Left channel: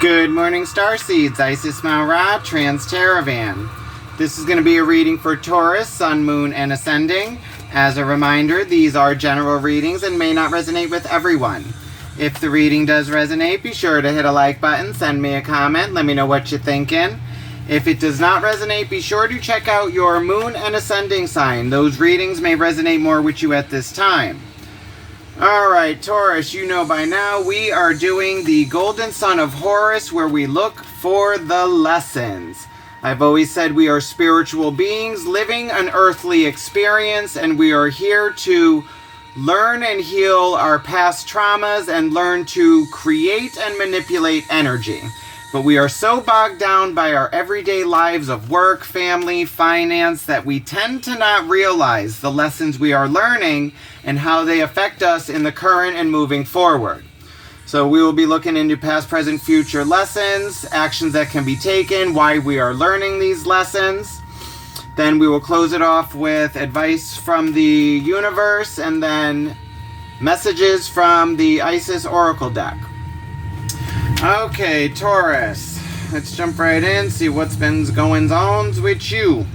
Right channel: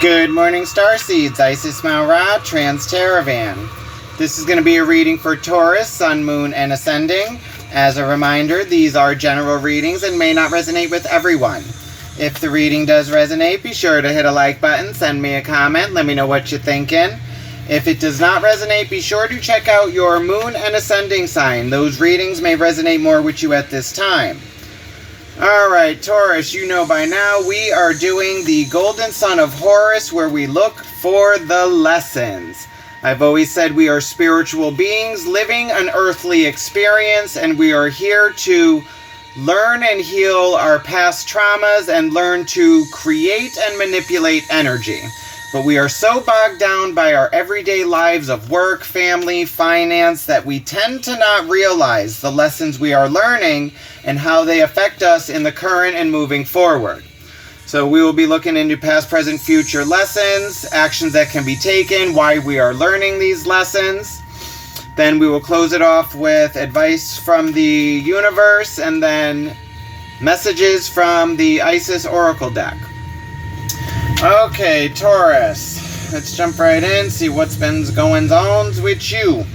Good morning, Starseeds. Isis Maura, Trans-Teravan. This is going to be a reading for Taurus, Sun, Moon, and Ascending. As a reminder, these are general readings and may not resonate with everyone. If the reading does resonate, be sure to hit a like button, send me a comment, let me know what you're thinking. If it does not resonate, be sure to check out your Moon and Ascending sign. Those readings may resonate more with you at this time. Alright, Taurus, you know by now we are doing the Golden Sun of Horus, where we look for the lessons. I've always said we are spiritual beings living an earthly experience, and we are here to learn and heal our past traumas and learn to create and manipulate energy. But we are so bogged down by our everyday lives of work, family, finance, that we tend to not realize the lessons we are learning and how they affect us in the current and moving forward. So we will be looking into past, present, future lessons, actions that can be taken, why we are learning these lessons. Then we will close it off with advice from the universe and then messages from the Isis Oracle deck. Okay, Taurus, let's jump right in, see what's been going on with you. What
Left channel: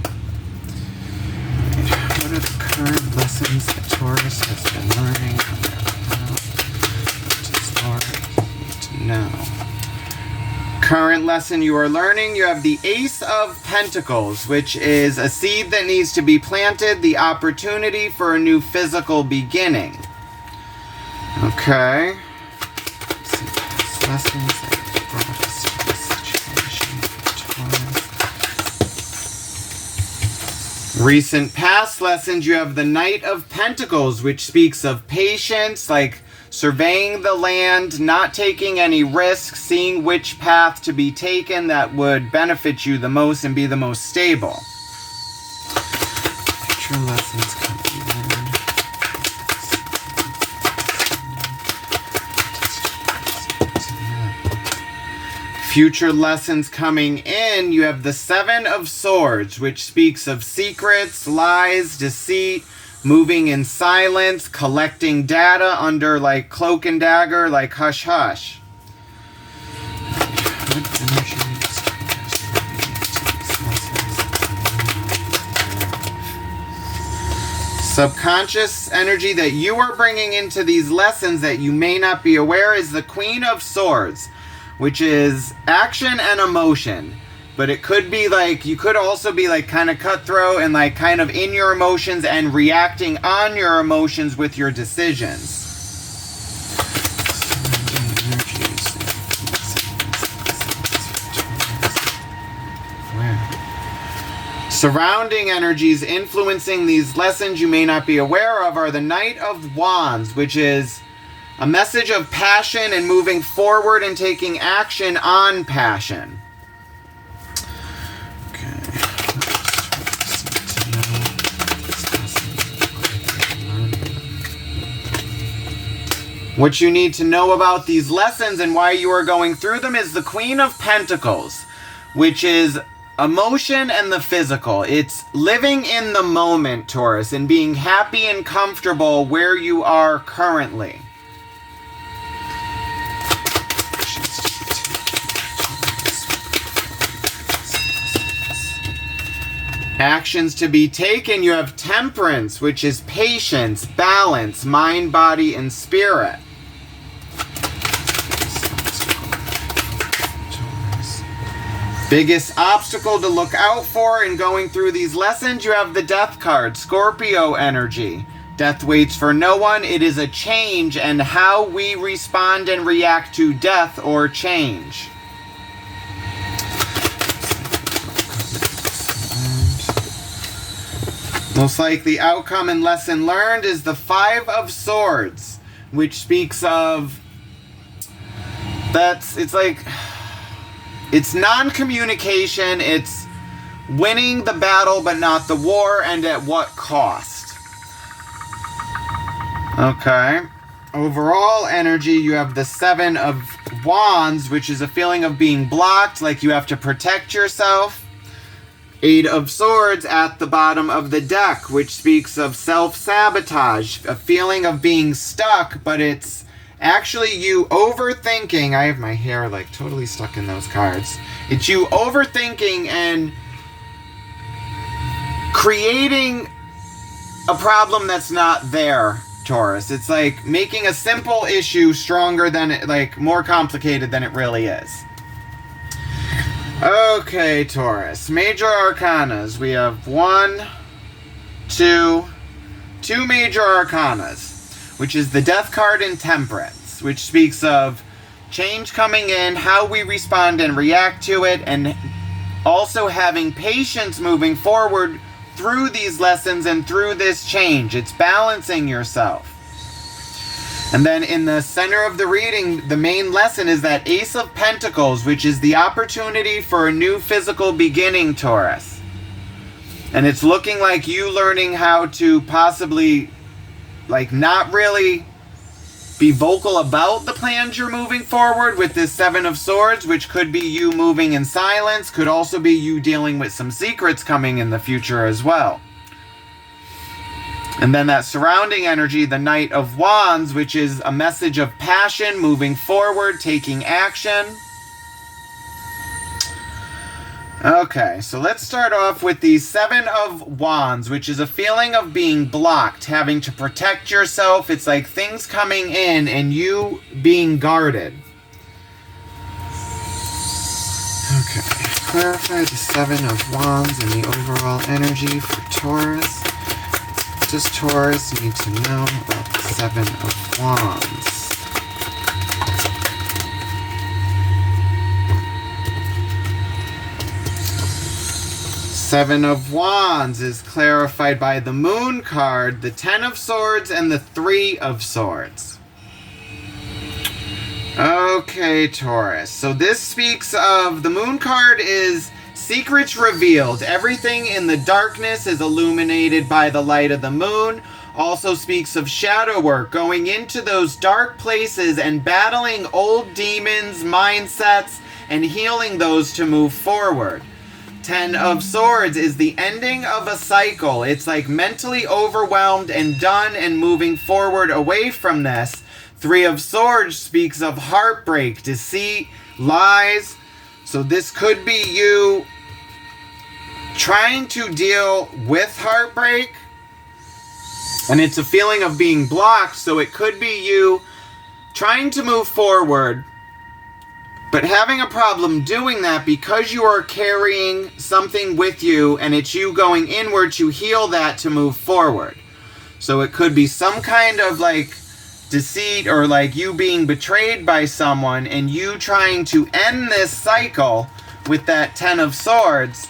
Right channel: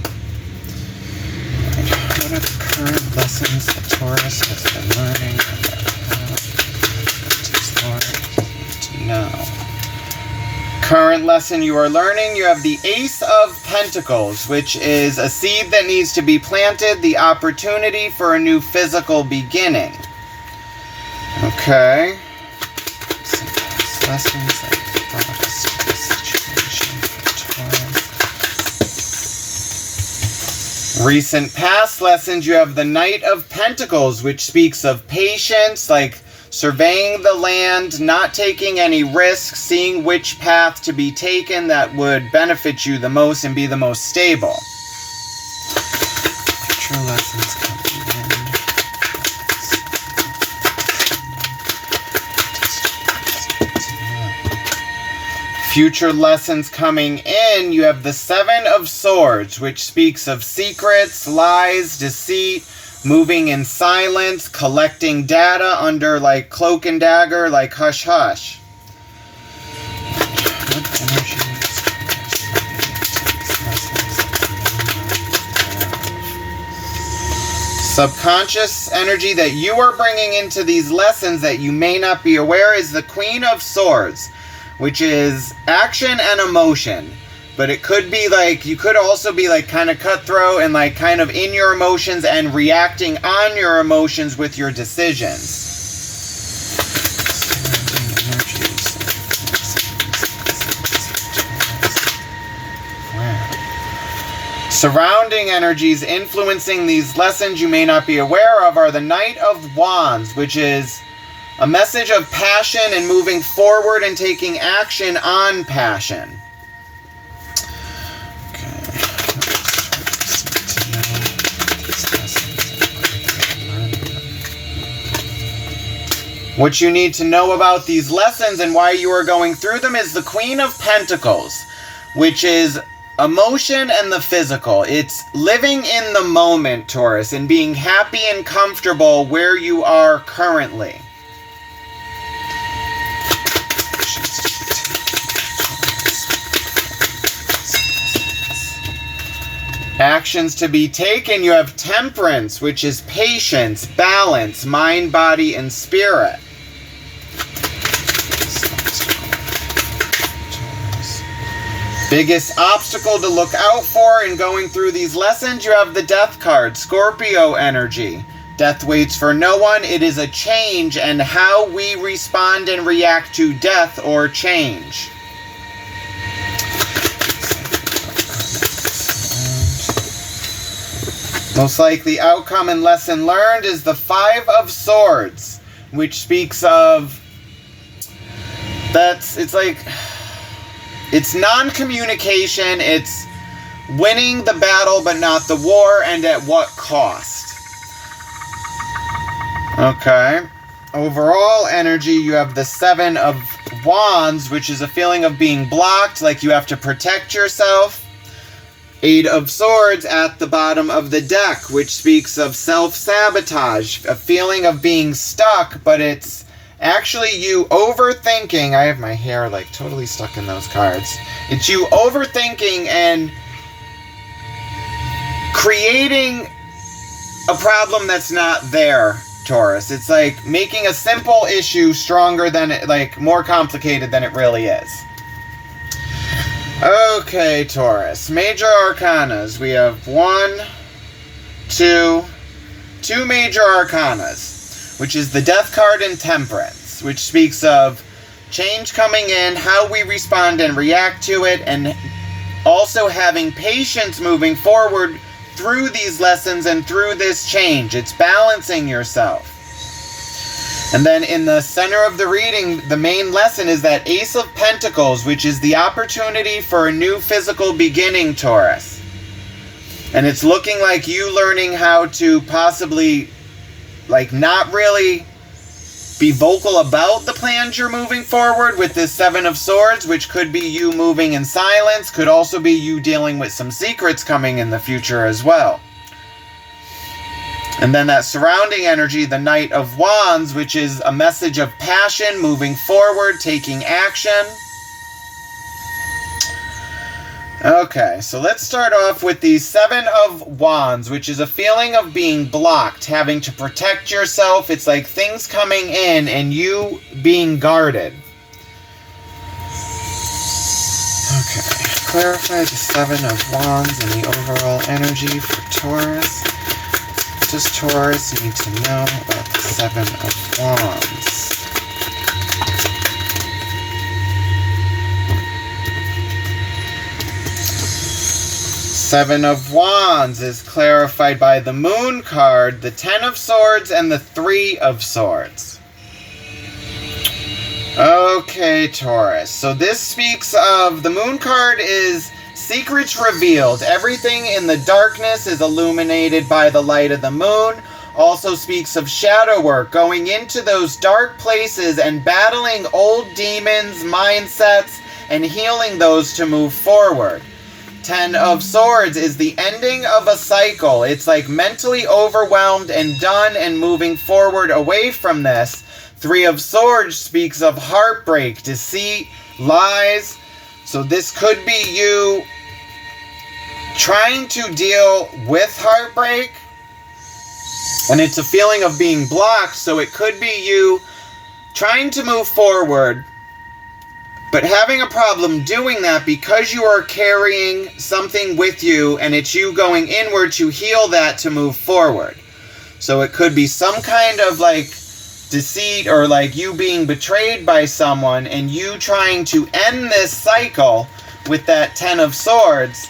are the current lessons that Taurus has been learning about? What does Lord need to know? Current lesson you are learning, you have the Ace of Pentacles, which is a seed that needs to be planted, the opportunity for a new physical beginning. Okay. Lessons that brought us to this situation for Taurus. Recent past lessons, you have the Knight of Pentacles, which speaks of patience, like surveying the land, not taking any risks, seeing which path to be taken that would benefit you the most and be the most stable. Future lessons coming in. Future lessons coming in, you have the Seven of Swords, which speaks of secrets, lies, deceit, moving in silence, collecting data under like cloak and dagger, like hush hush. What energy is subconscious energy that you are bringing into these lessons that you may not be aware is the Queen of Swords, which is action and emotion. But it could be like, you could also be like kind of cutthroat and like kind of in your emotions and reacting on your emotions with your decisions. Surrounding energies influencing these lessons you may not be aware of are the Knight of Wands, which is a message of passion and moving forward and taking action on passion. Okay. What you need to know about these lessons and why you are going through them is the Queen of Pentacles, which is emotion and the physical. It's living in the moment, Taurus, and being happy and comfortable where you are currently. Actions to be taken, you have Temperance, which is patience, balance, mind, body, and spirit. Biggest obstacle to look out for in going through these lessons, you have the Death card, Scorpio energy. Death waits for no one. It is a change and how we respond and react to death or change. Most likely outcome and lesson learned is the Five of Swords, which speaks of it's non-communication, it's winning the battle but not the war, and at what cost. Okay. Overall energy, you have the Seven of Wands, which is a feeling of being blocked, like you have to protect yourself. Eight of Swords at the bottom of the deck, which speaks of self-sabotage, a feeling of being stuck, but it's actually you overthinking. I have my hair like totally stuck in those cards. It's you overthinking and creating a problem that's not there, Taurus. It's like making a simple issue stronger than it, like more complicated than it really is. Okay, Taurus. Major arcanas. We have two major arcanas, which is the Death card and Temperance, which speaks of change coming in, how we respond and react to it, and also having patience moving forward through these lessons and through this change. It's balancing yourself. And then in the center of the reading, the main lesson is that Ace of Pentacles, which is the opportunity for a new physical beginning, Taurus. And it's looking like you learning how to possibly, like, not really be vocal about the plans you're moving forward with this Seven of Swords, which could be you moving in silence, could also be you dealing with some secrets coming in the future as well. And then that surrounding energy, the Knight of Wands, which is a message of passion, moving forward, taking action. Okay, so let's start off with the Seven of Wands, which is a feeling of being blocked, having to protect yourself. It's like things coming in and you being guarded. Okay, clarify the Seven of Wands and the overall energy for Taurus. What does Taurus need to know about the Seven of Wands? Seven of Wands is clarified by the Moon card, the Ten of Swords, and the Three of Swords. Okay, Taurus. So this speaks of, the Moon card is secrets revealed. Everything in the darkness is illuminated by the light of the moon. Also speaks of shadow work, going into those dark places and battling old demons, mindsets, and healing those to move forward. Ten of Swords is the ending of a cycle. It's like mentally overwhelmed and done and moving forward away from this. Three of Swords speaks of heartbreak, deceit, lies. So this could be you trying to deal with heartbreak. And it's a feeling of being blocked. So it could be you trying to move forward, but having a problem doing that because you are carrying something with you and it's you going inward to heal that to move forward. So it could be some kind of like deceit or like you being betrayed by someone and you trying to end this cycle with that Ten of Swords.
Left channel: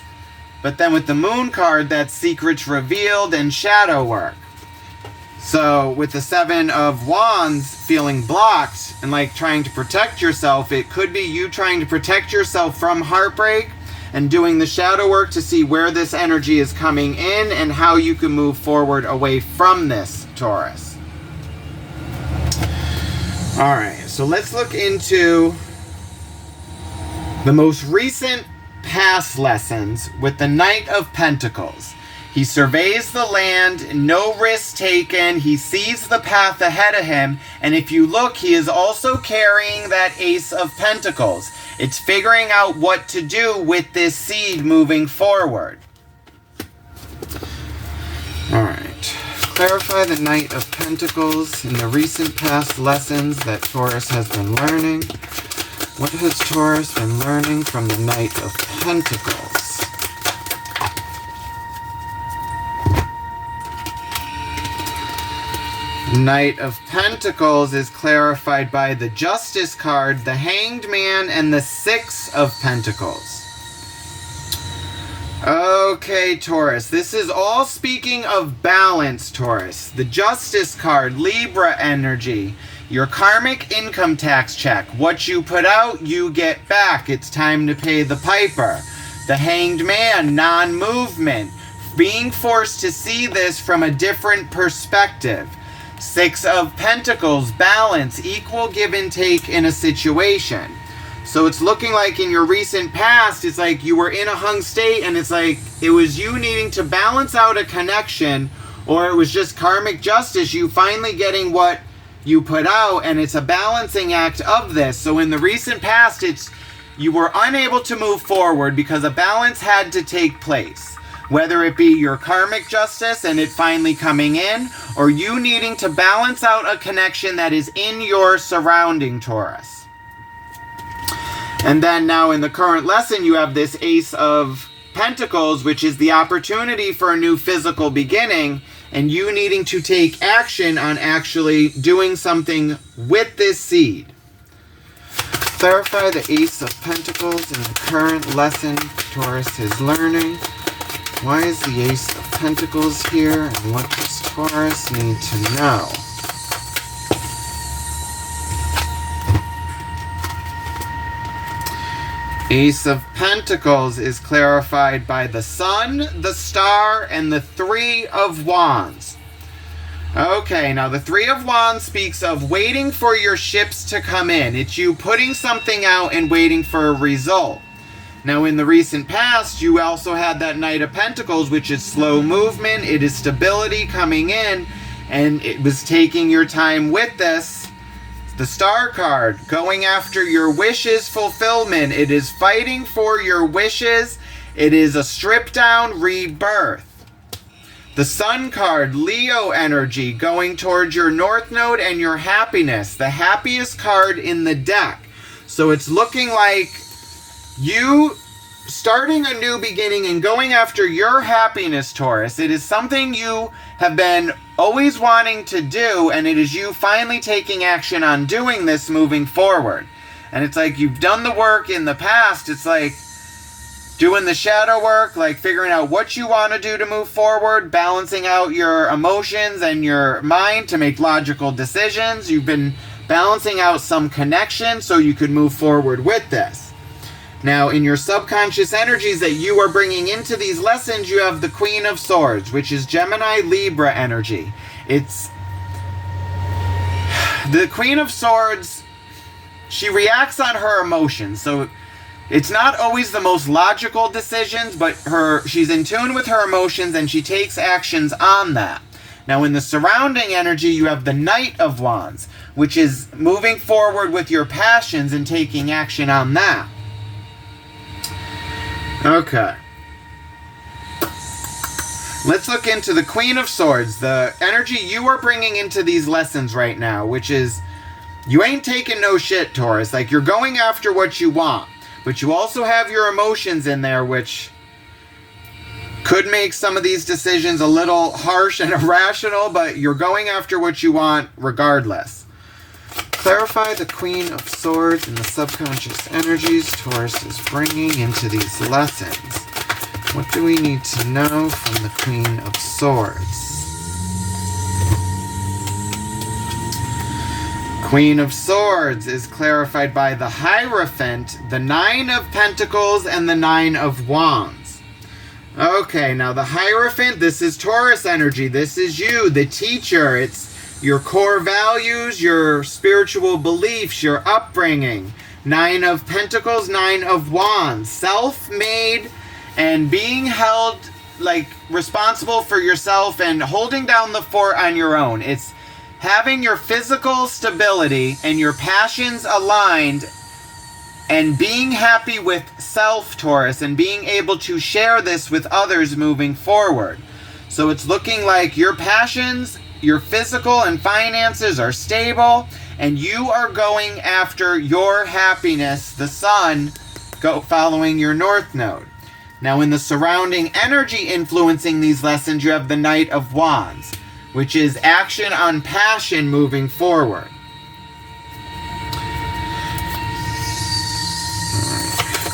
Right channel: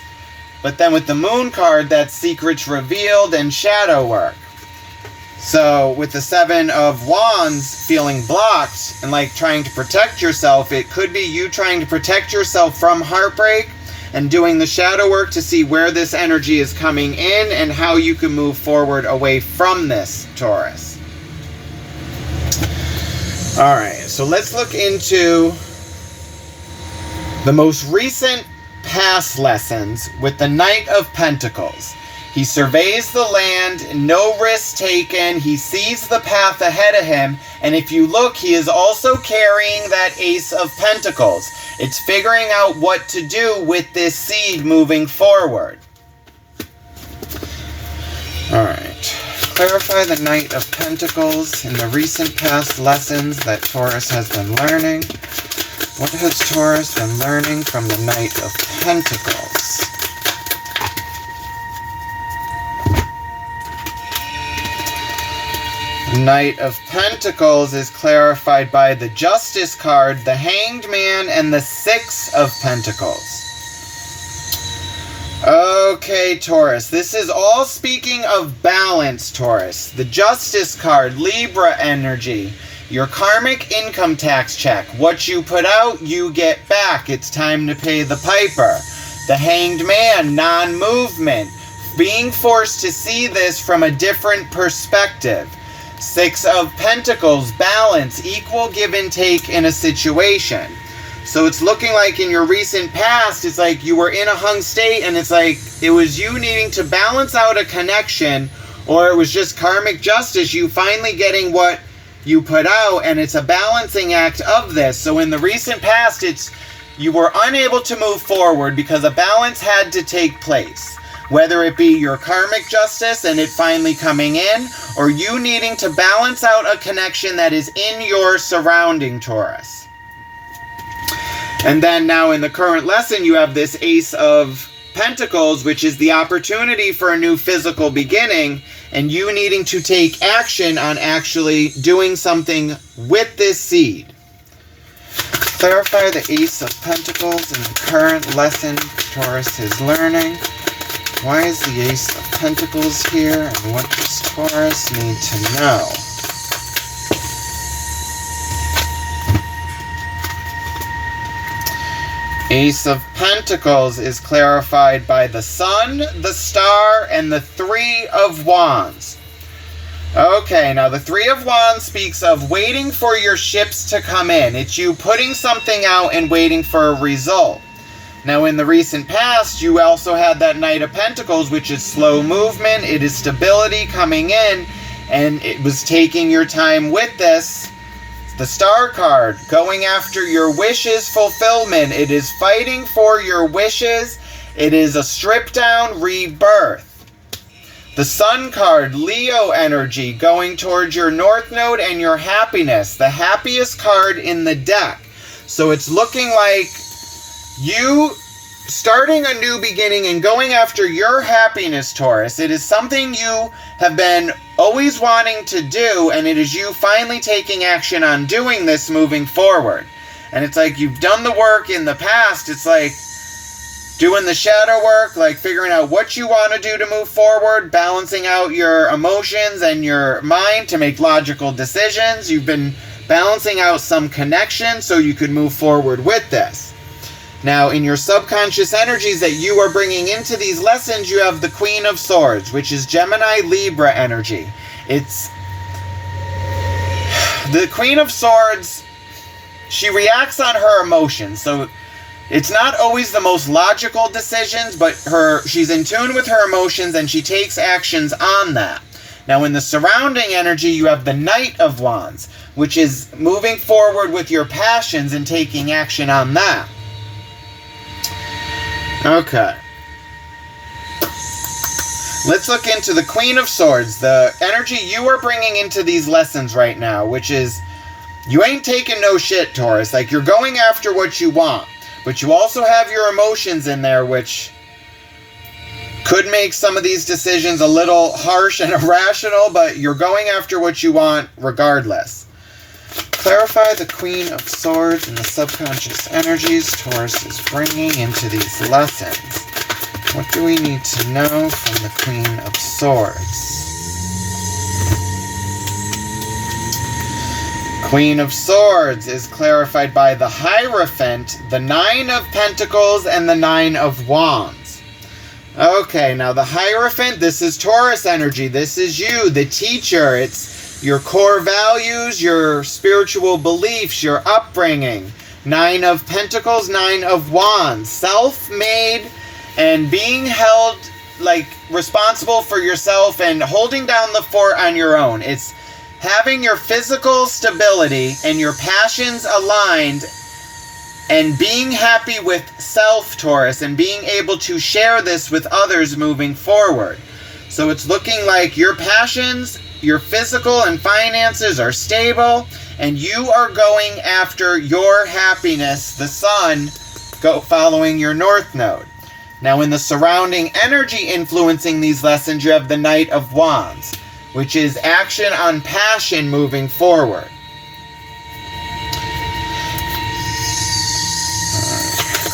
But then with the Moon card, that's secrets revealed and shadow work. So with the Seven of Wands feeling blocked and like trying to protect yourself, it could be you trying to protect yourself from heartbreak and doing the shadow work to see where this energy is coming in and how you can move forward away from this, Taurus. All right, so let's look into the most recent past lessons with the Knight of Pentacles. He surveys the land, no risk taken, he sees the path ahead of him, and if you look, he is also carrying that Ace of Pentacles. It's figuring out what to do with this seed moving forward. Alright, clarify the Knight of Pentacles in the recent past lessons that Taurus has been learning. What has Taurus been learning from the Knight of Pentacles? Knight of Pentacles is clarified by the Justice card, the Hanged Man, and the Six of Pentacles. Okay, Taurus, this is all speaking of balance, Taurus. The Justice card, Libra energy, your karmic income tax check. What you put out, you get back. It's time to pay the piper. The Hanged Man, non-movement, being forced to see this from a different perspective. Six of Pentacles, balance, equal give and take in a situation. So it's looking like in your recent past, it's like you were in a hung state and it's like it was you needing to balance out a connection, or it was just karmic justice, you finally getting what you put out, and it's a balancing act of this. So in the recent past, you were unable to move forward because a balance had to take place. Whether it be your karmic justice and it finally coming in, or you needing to balance out a connection that is in your surrounding, Taurus. And then now in the current lesson, you have this Ace of Pentacles, which is the opportunity for a new physical beginning, and you needing to take action on actually doing something with this seed. Clarify the Ace of Pentacles in the current lesson Taurus is learning. Why is the Ace of Pentacles here, and what does Taurus need to know? Ace of Pentacles is clarified by the Sun, the Star, and the Three of Wands. Okay, now the Three of Wands speaks of waiting for your ships to come in. It's you putting something out and waiting for a result. Now in the recent past, you also had that Knight of Pentacles, which is slow movement, it is stability coming in, and it was taking your time with this. The Star card, going after your wishes fulfillment. It is fighting for your wishes. It is a stripped down rebirth. The Sun card, Leo energy, going towards your North Node and your happiness. The happiest card in the deck. So it's looking like you starting a new beginning and going after your happiness, Taurus. It is something you have been always wanting to do, and it is you finally taking action on doing this moving forward. And it's like you've done the work in the past. It's like doing the shadow work, like figuring out what you want to do to move forward, balancing out your emotions and your mind to make logical decisions. You've been balancing out some connection so you could move forward with this. Now, in your subconscious energies that you are bringing into these lessons, you have the Queen of Swords, which is Gemini Libra energy. It's the Queen of Swords. She reacts on her emotions, so it's not always the most logical decisions, but she's in tune with her emotions and she takes actions on that. Now, in the surrounding energy, you have the Knight of Wands, which is moving forward with your passions and taking action on that. Okay. Let's look into the Queen of Swords, the energy you are bringing into these lessons right now, which is you ain't taking no shit, Taurus. Like, you're going after what you want, but you also have your emotions in there, which could make some of these decisions a little harsh and irrational, but you're going after what you want regardless. Clarify the Queen of Swords and the subconscious energies Taurus is bringing into these lessons. What do we need to know from the Queen of Swords? Queen of Swords is clarified by the Hierophant, the Nine of Pentacles, and the Nine of Wands. Okay, now the Hierophant, this is Taurus energy. This is you, the teacher. It's your core values, your spiritual beliefs, your upbringing. Nine of Pentacles, Nine of Wands. Self-made and being held, like, responsible for yourself and holding down the fort on your own. It's having your physical stability and your passions aligned and being happy with self, Taurus, and being able to share this with others moving forward. So it's looking like your passions, your physical and finances are stable, and you are going after your happiness, the Sun, following your North Node. Now, in the surrounding energy influencing these lessons, you have the Knight of Wands, which is action on passion moving forward.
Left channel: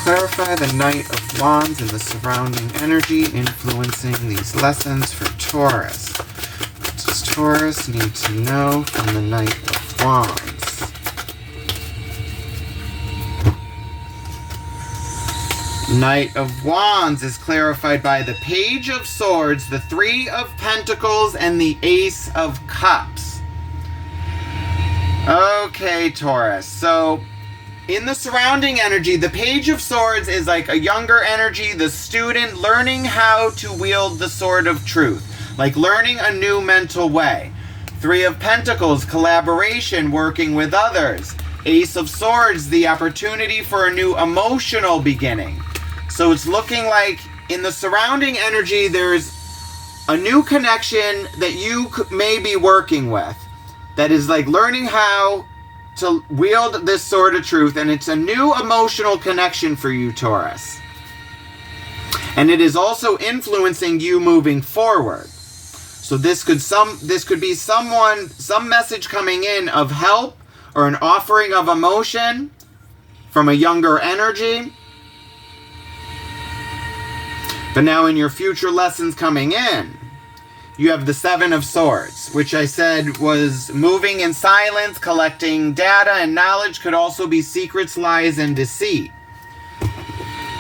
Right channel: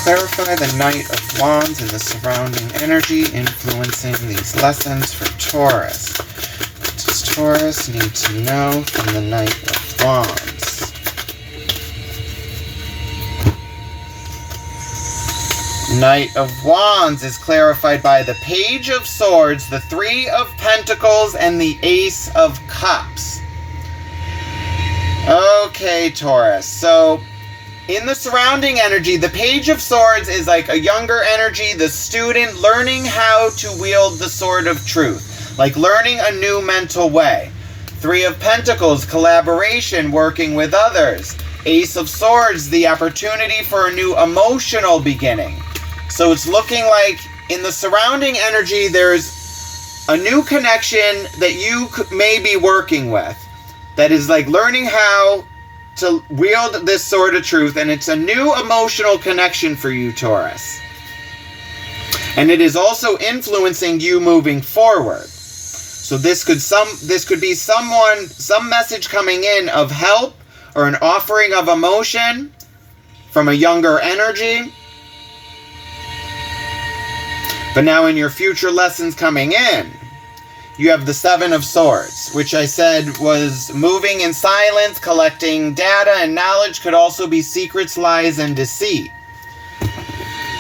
Clarify the Knight of Wands and the surrounding energy influencing these lessons for Taurus. What does Taurus need to know from the Knight of Wands? Knight of Wands is clarified by the Page of Swords, the Three of Pentacles, and the Ace of Cups. Okay, Taurus. So, in the surrounding energy, the Page of Swords is like a younger energy, the student learning how to wield the sword of truth. Like learning a new mental way. Three of Pentacles, collaboration, working with others. Ace of Swords, the opportunity for a new emotional beginning. So it's looking like in the surrounding energy, there's a new connection that you may be working with that is like learning how to wield this sword of truth, and it's a new emotional connection for you, Taurus. And it is also influencing you moving forward. So this could be some message coming in of help or an offering of emotion from a younger energy. But now in your future lessons coming in, you have the Seven of Swords, which I said was moving in silence, collecting data and knowledge, could also be secrets, lies, and deceit.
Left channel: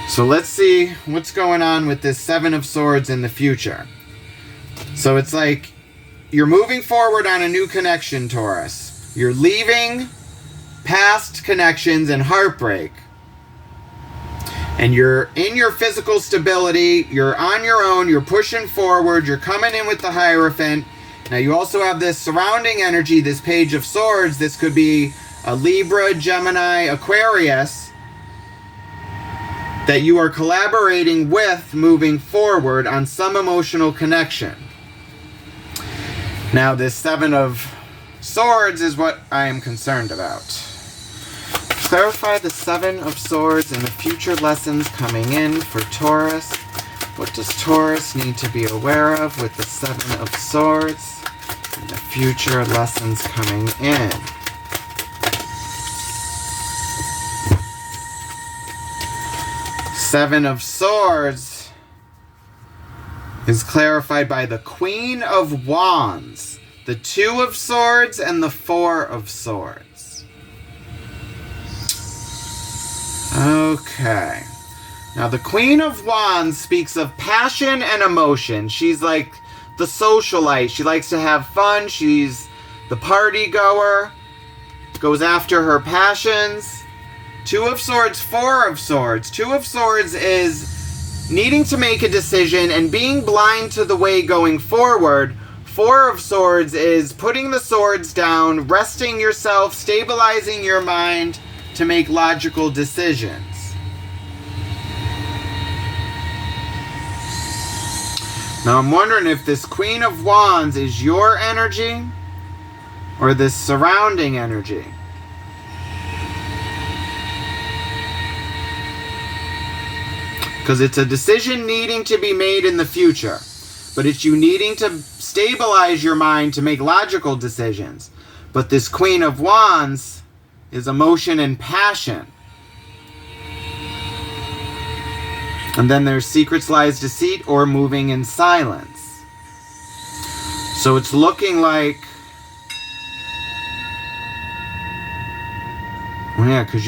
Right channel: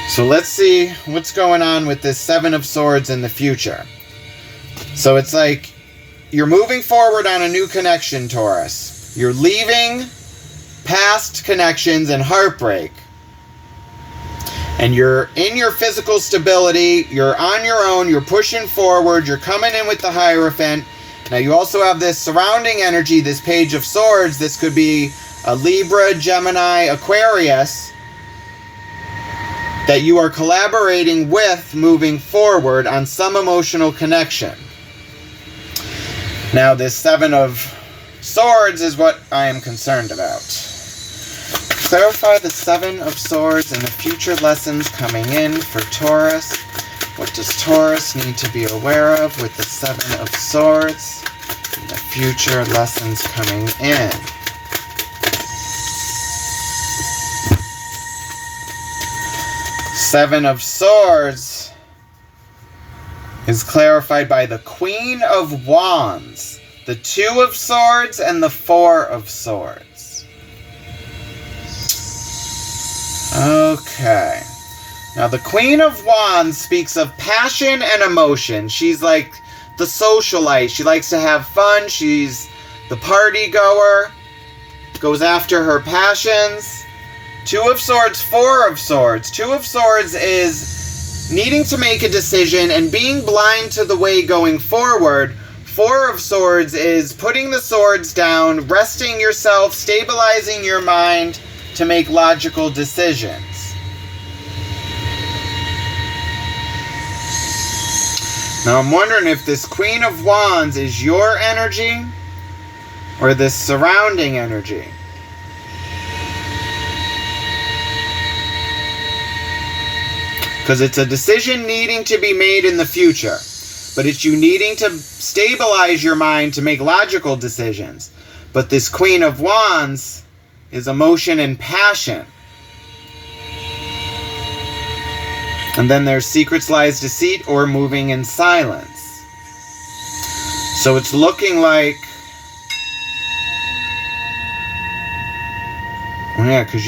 So let's see what's going on with this Seven of Swords in the future. So it's like you're moving forward on a new connection, Taurus. You're leaving past connections and heartbreak. And you're in your physical stability, you're on your own, you're pushing forward, you're coming in with the Hierophant. Now you also have this surrounding energy, this Page of Swords. This could be a Libra, Gemini, Aquarius that you are collaborating with moving forward on some emotional connection. Now this Seven of Swords is what I am concerned about. Clarify the Seven of Swords and the future lessons coming in for Taurus. What does Taurus need to be aware of with the Seven of Swords and the future lessons coming in? Seven of Swords is clarified by the Queen of Wands, the Two of Swords, and the Four of Swords. Okay. Now the Queen of Wands speaks of passion and emotion. She's like the socialite. She likes to have fun. She's the party goer. Goes after her passions. Two of Swords, Four of Swords. Two of Swords is needing to make a decision and being blind to the way going forward. Four of Swords is putting the swords down, resting yourself, stabilizing your mind to make logical decisions. Now I'm wondering if this Queen of Wands is your energy or this surrounding energy. Because it's a decision needing to be made in the future. But it's you needing to stabilize your mind to make logical decisions. But this Queen of Wands is emotion and passion. And then there's secrets, lies, deceit, or moving in silence. So it's looking like... Oh yeah, because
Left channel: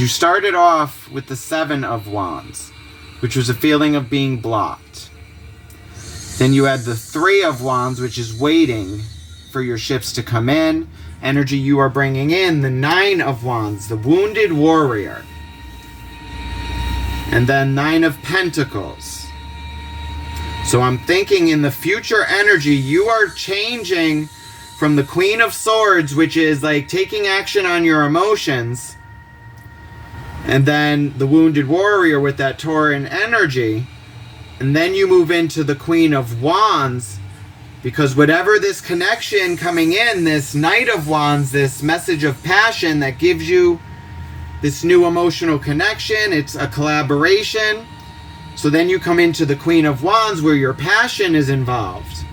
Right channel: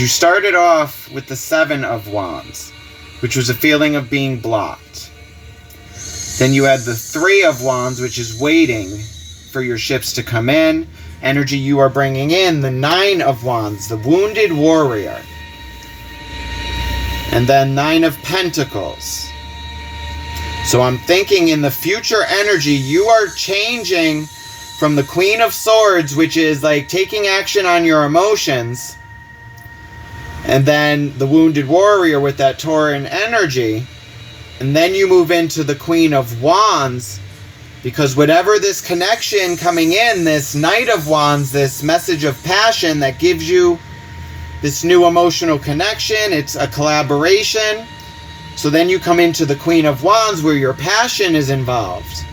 you started off with the Seven of Wands, which was a feeling of being blocked. Then you had the Three of Wands, which is waiting for your ships to come in. Energy you are bringing in, the Nine of Wands, the wounded warrior. And then Nine of Pentacles. So I'm thinking in the future energy, you are changing from the Queen of Swords, which is like taking action on your emotions, and then the wounded warrior with that Tauran energy. And then you move into the Queen of Wands, because whatever this connection coming in, this Knight of Wands, this message of passion that gives you this new emotional connection, it's a collaboration. So then you come into the Queen of Wands where your passion is involved.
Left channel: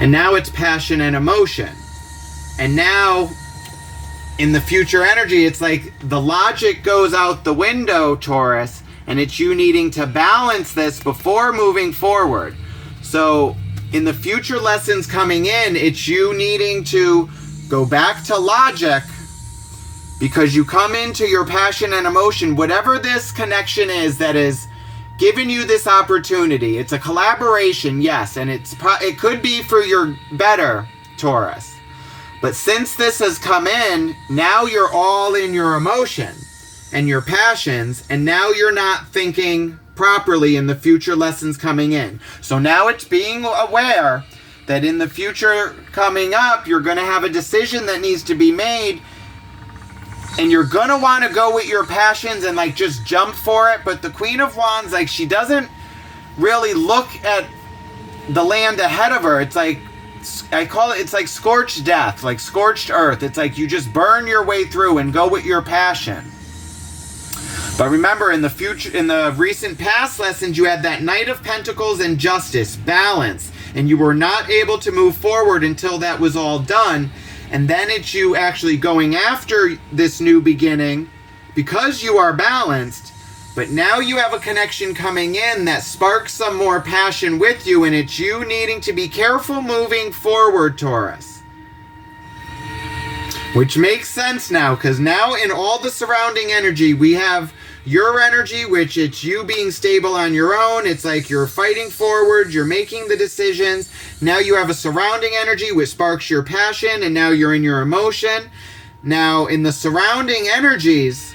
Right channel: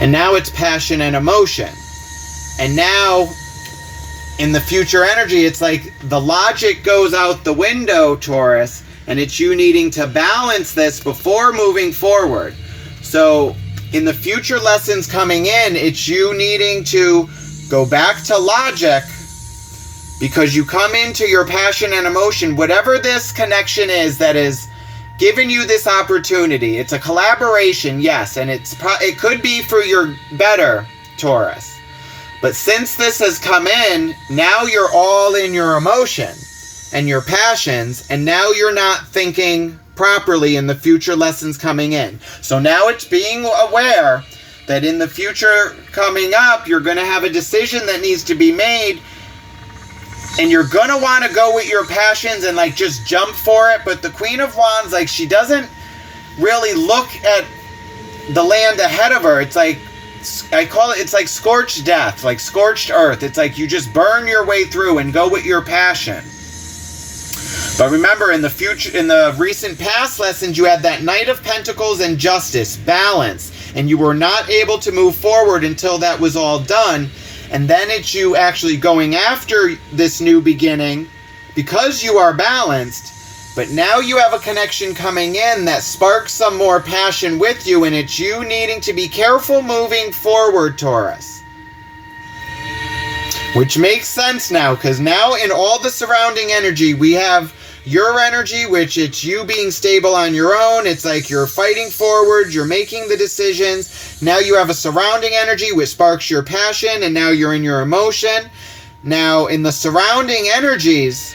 And now it's passion and emotion. And now in the future energy, it's like the logic goes out the window, Taurus, and it's you needing to balance this before moving forward. So in the future lessons coming in, it's you needing to go back to logic, because you come into your passion and emotion, whatever this connection is that is giving you this opportunity. It's a collaboration, yes, and it could be for your better, Taurus. But since this has come in, now you're all in your emotion and your passions, and now you're not thinking properly in the future lessons coming in. So now it's being aware that in the future coming up, you're going to have a decision that needs to be made, and you're going to want to go with your passions and like just jump for it. But the Queen of Wands, like, she doesn't really look at the land ahead of her. It's like, I call it, it's like scorched death, like scorched earth. It's like you just burn your way through and go with your passion. But remember, in the future, in the recent past lessons, you had that Knight of Pentacles and Justice, balance, and you were not able to move forward until that was all done. And then it's you actually going after this new beginning because you are balanced. But now you have a connection coming in that sparks some more passion with you, and it's you needing to be careful moving forward, Taurus. Which makes sense now, because now in all the surrounding energy, we have your energy, which it's you being stable on your own. It's like you're fighting forward, you're making the decisions. Now you have a surrounding energy which sparks your passion, and now you're in your emotion. Now in the surrounding energies,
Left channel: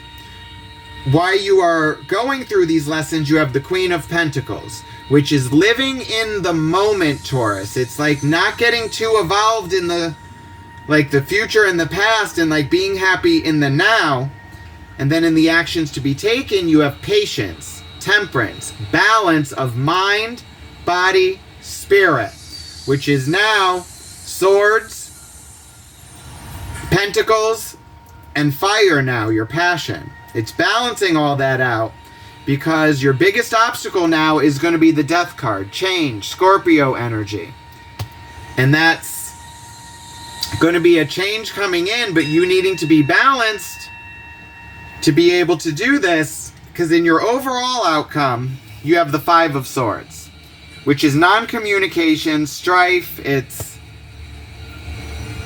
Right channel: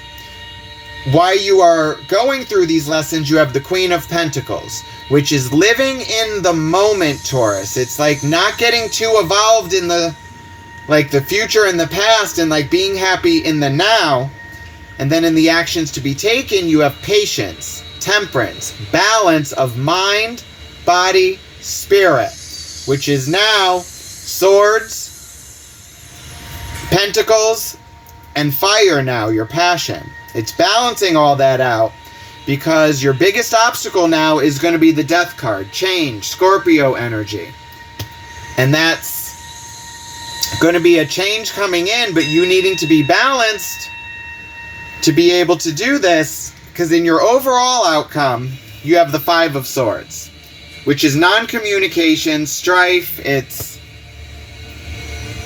while you are going through these lessons, you have the Queen of Pentacles, which is living in the moment, Taurus. It's like not getting too involved in the future and the past, and like being happy in the now. And then in the actions to be taken, you have patience, temperance, balance of mind, body, spirit, which is now swords, pentacles, and fire now, your passion. It's balancing all that out, because your biggest obstacle now is going to be the Death card, change, Scorpio energy. And that's going to be a change coming in, but you needing to be balanced to be able to do this, because in your overall outcome, you have the Five of Swords, which is non-communication, strife. It's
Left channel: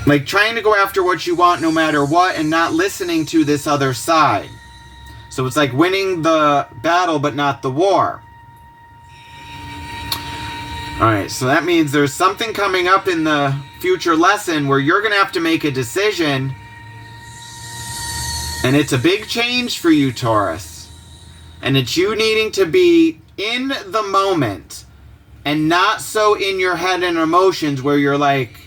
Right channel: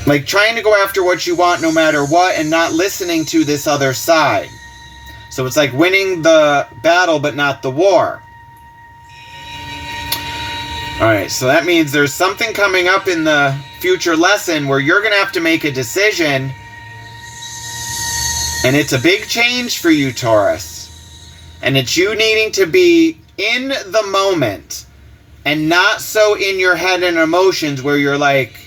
like trying to go after what you want no matter what and not listening to this other side. So it's like winning the battle but not the war. Alright, so that means there's something coming up in the future lesson where you're going to have to make a decision. And it's a big change for you, Taurus. And it's you needing to be in the moment and not so in your head and emotions where you're like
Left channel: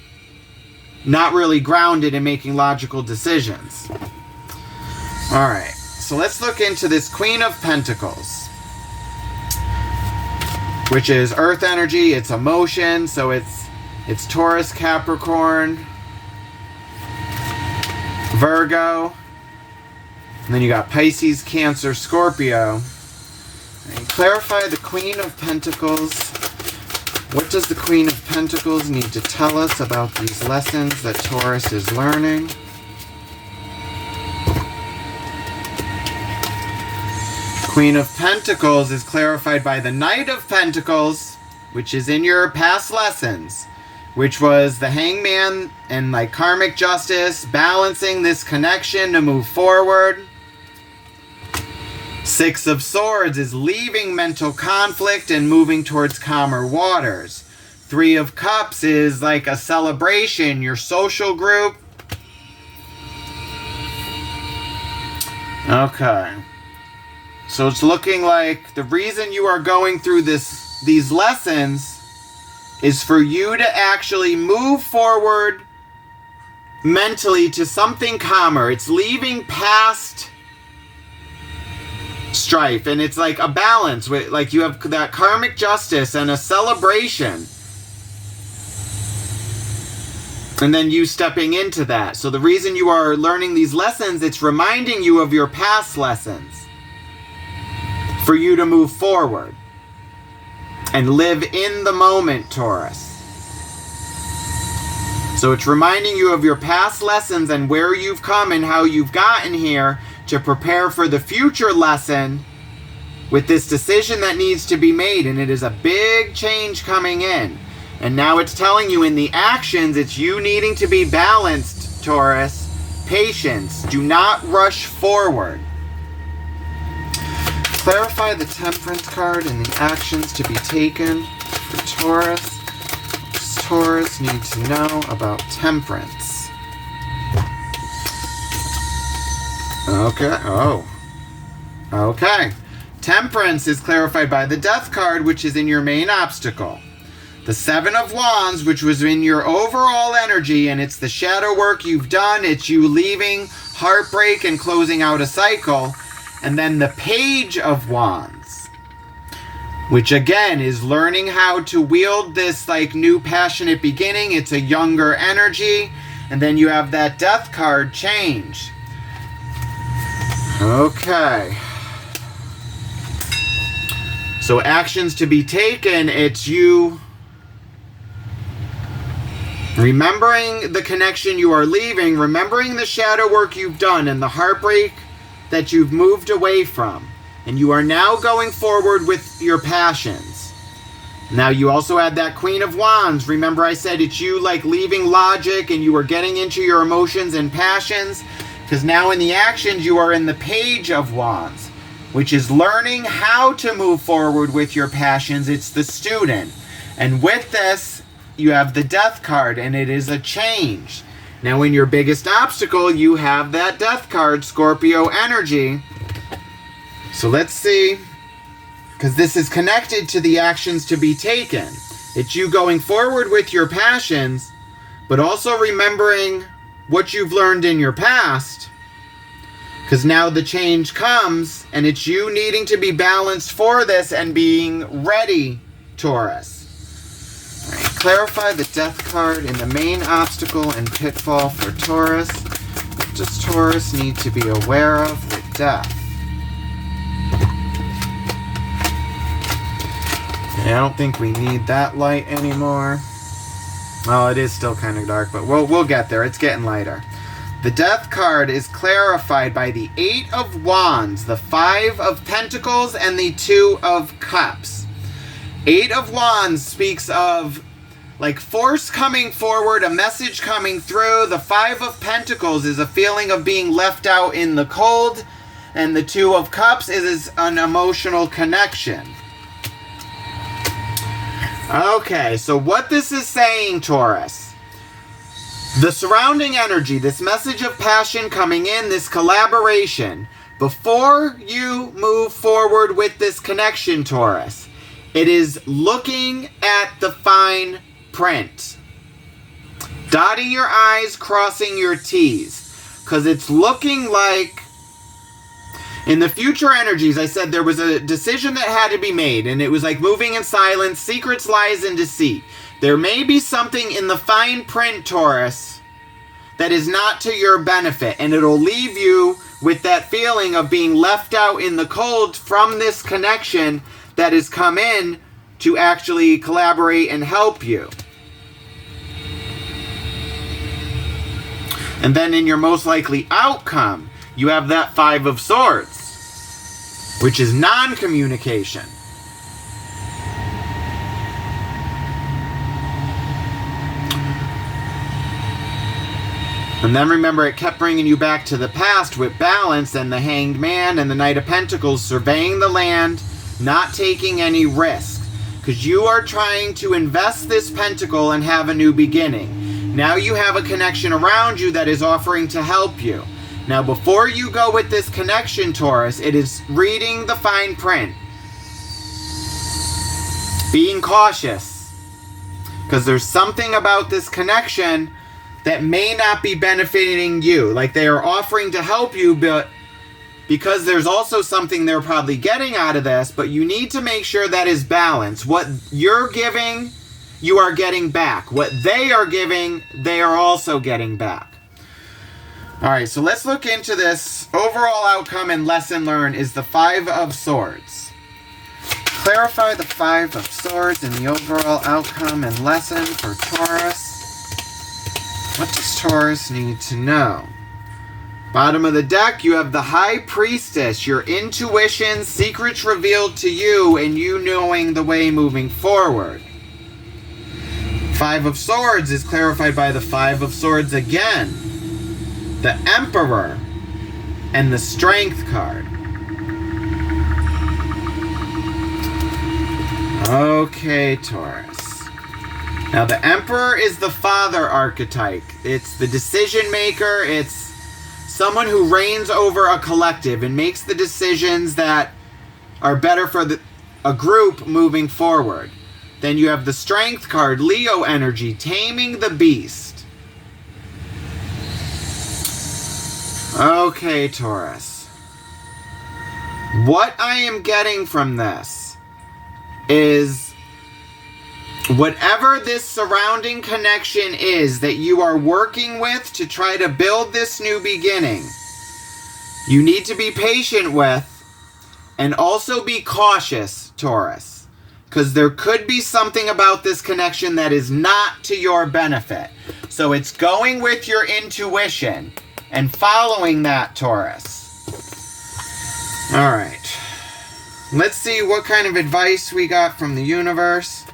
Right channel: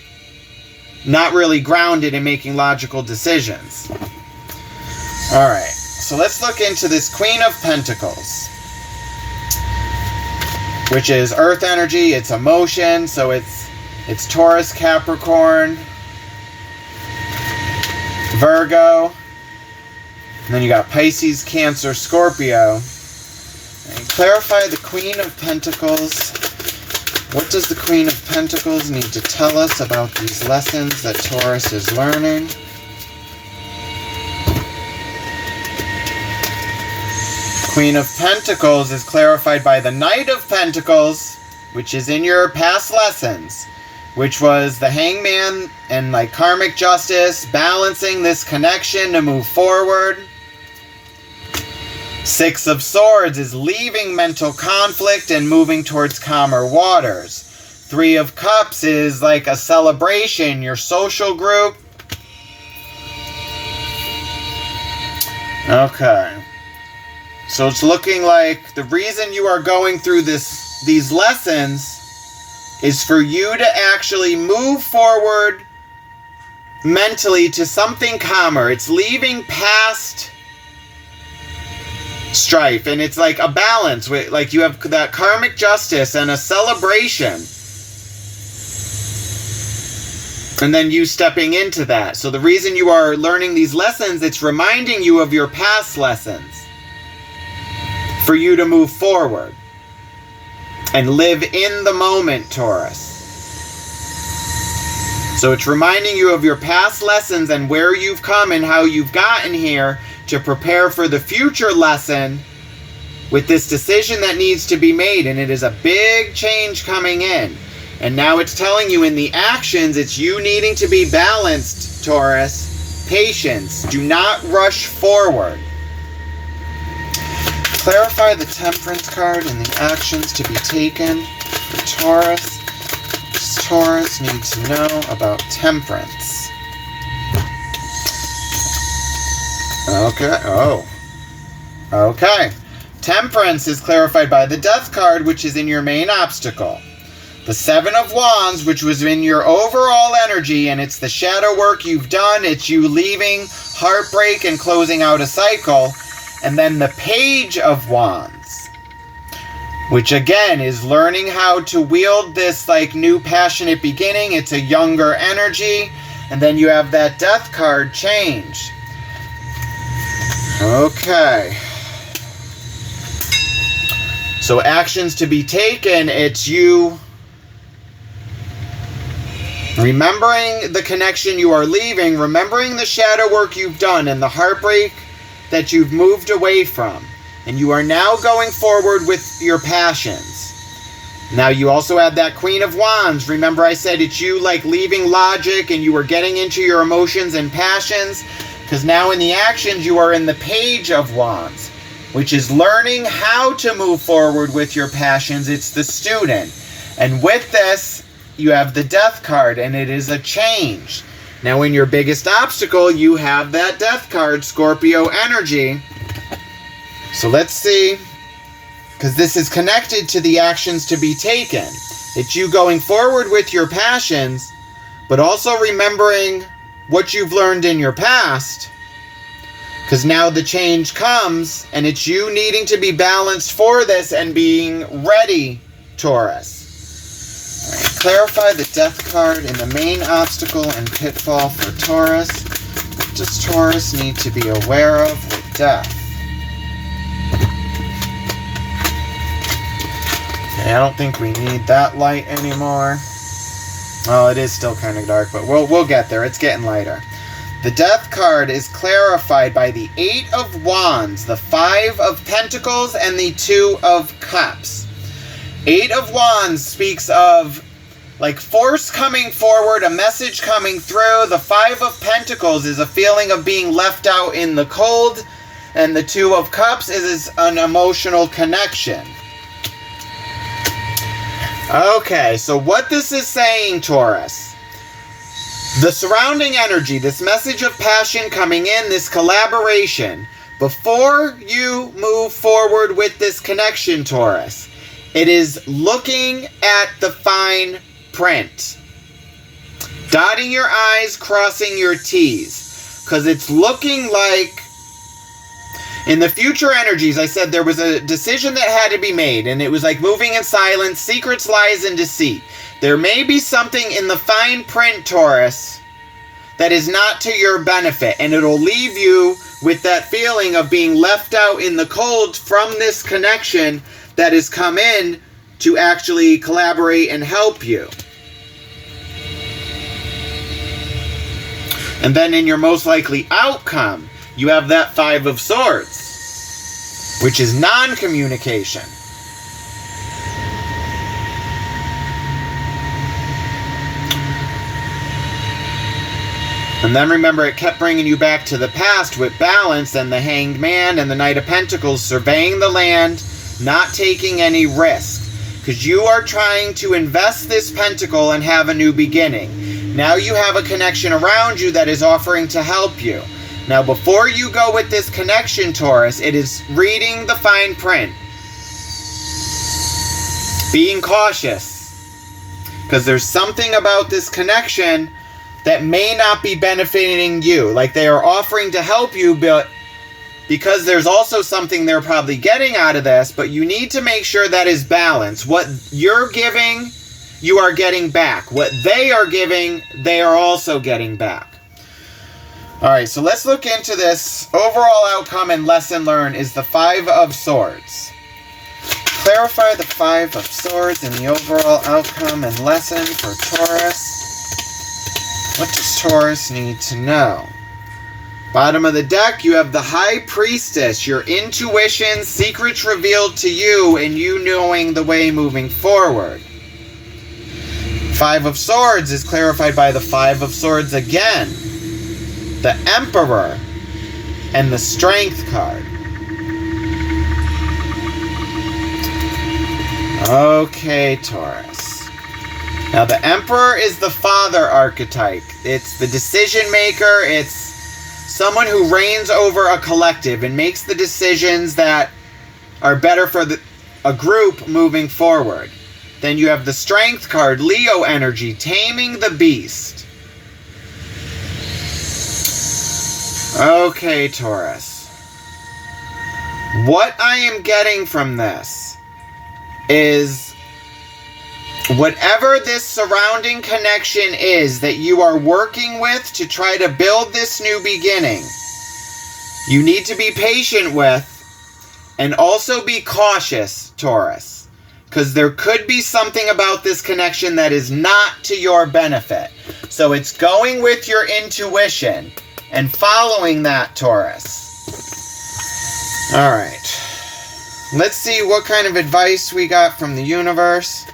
not really grounded in making logical decisions. Alright, so let's look into this Queen of Pentacles, which is earth energy, it's emotion, so it's Taurus, Capricorn, Virgo, and then you got Pisces, Cancer, Scorpio. And clarify the Queen of Pentacles. What does the Queen of Pentacles need to tell us about these lessons that Taurus is learning? Queen of Pentacles is clarified by the Knight of Pentacles, which is in your past lessons, which was the Hangman and like karmic justice, balancing this connection to move forward. Six of Swords is leaving mental conflict and moving towards calmer waters. Three of Cups is like a celebration, your social group. Okay. So it's looking like the reason you are going through these lessons is for you to actually move forward mentally to something calmer. It's leaving past strife, and it's like a balance with, like, you have that karmic justice and a celebration, and then you stepping into that. So the reason you are learning these lessons, it's reminding you of your past lessons for you to move forward and live in the moment, Taurus. So it's reminding you of your past lessons and where you've come and how you've gotten here to prepare for the future lesson with this decision that needs to be made. And it is a big change coming in. And now it's telling you in the actions, it's you needing to be balanced, Taurus. Patience. Do not rush forward. Clarify the Temperance card and the actions to be taken for Taurus. What does Taurus need to know about Temperance? Okay. Oh. Okay. Temperance is clarified by the Death card, which is in your main obstacle. The Seven of Wands, which was in your overall energy, and it's the shadow work you've done. It's you leaving heartbreak and closing out a cycle. And then the Page of Wands, which again is learning how to wield this like new passionate beginning. It's a younger energy. And then you have that Death card, Change. Okay. So actions to be taken, it's you remembering the connection you are leaving, remembering the shadow work you've done and the heartbreak that you've moved away from. And you are now going forward with your passions. Now you also had that Queen of Wands. Remember I said it's you like leaving logic and you are getting into your emotions and passions. Because now in the actions you are in the Page of Wands, which is learning how to move forward with your passions. It's the student. And with this, you have the Death card, and it is a change. Now, in your biggest obstacle, you have that Death card, Scorpio energy. So let's see, because this is connected to the actions to be taken. It's you going forward with your passions, but also remembering what you've learned in your past. Because now the change comes, and it's you needing to be balanced for this and being ready, Taurus. All right, clarify the Death card in the main obstacle and pitfall for Taurus. What does Taurus need to be aware of with Death? Okay, I don't think we need that light anymore. Well, it is still kind of dark, but we'll get there. It's getting lighter. The Death card is clarified by the 8 of Wands, the 5 of Pentacles, and the 2 of Cups. 8 of Wands speaks of like force coming forward, a message coming through. The 5 of Pentacles is a feeling of being left out in the cold. And the 2 of Cups is an emotional connection. Okay, so what this is saying, Taurus, the surrounding energy, this message of passion coming in, this collaboration, before you move forward with this connection, Taurus, it is looking at the fine print. Dotting your I's, crossing your T's. Because it's looking like, in the future energies, I said there was a decision that had to be made, and it was like moving in silence, secrets, lies, and deceit. There may be something in the fine print, Taurus, that is not to your benefit, and it'll leave you with that feeling of being left out in the cold from this connection that has come in to actually collaborate and help you. And then in your most likely outcome, you have that 5 of Swords, which is non-communication. And then remember, it kept bringing you back to the past with balance and the Hanged Man and the Knight of Pentacles, surveying the land, not taking any risk. Because you are trying to invest this pentacle and have a new beginning. Now you have a connection around you that is offering to help you. Now, before you go with this connection, Taurus, it is reading the fine print. Being cautious. Because there's something about this connection that may not be benefiting you. Like they are offering to help you, but because there's also something they're probably getting out of this, but you need to make sure that is balanced. What you're giving, you are getting back. What they are giving, they are also getting back. All right, so let's look into this. Overall outcome and lesson learned is the 5 of Swords. Clarify the 5 of Swords and the overall outcome and lesson for Taurus. What does Taurus need to know? Bottom of the deck, you have the High Priestess, your intuition, secrets revealed to you, and you knowing the way moving forward. 5 of Swords is clarified by the 5 of Swords again. The Emperor and the Strength card. Okay, Taurus. Now, the Emperor is the father archetype. It's the decision maker. It's someone who reigns over a collective and makes the decisions that are better for a group moving forward. Then you have the Strength card, Leo energy, taming the beast. Okay, Taurus. What I am getting from this is whatever this surrounding connection is that you are working with to try to build this new beginning, you need to be patient with and also be cautious, Taurus, because there could be something about this connection that is not to your benefit. So it's going with your intuition and following that, Taurus. All right. Let's see what kind of advice we got from the universe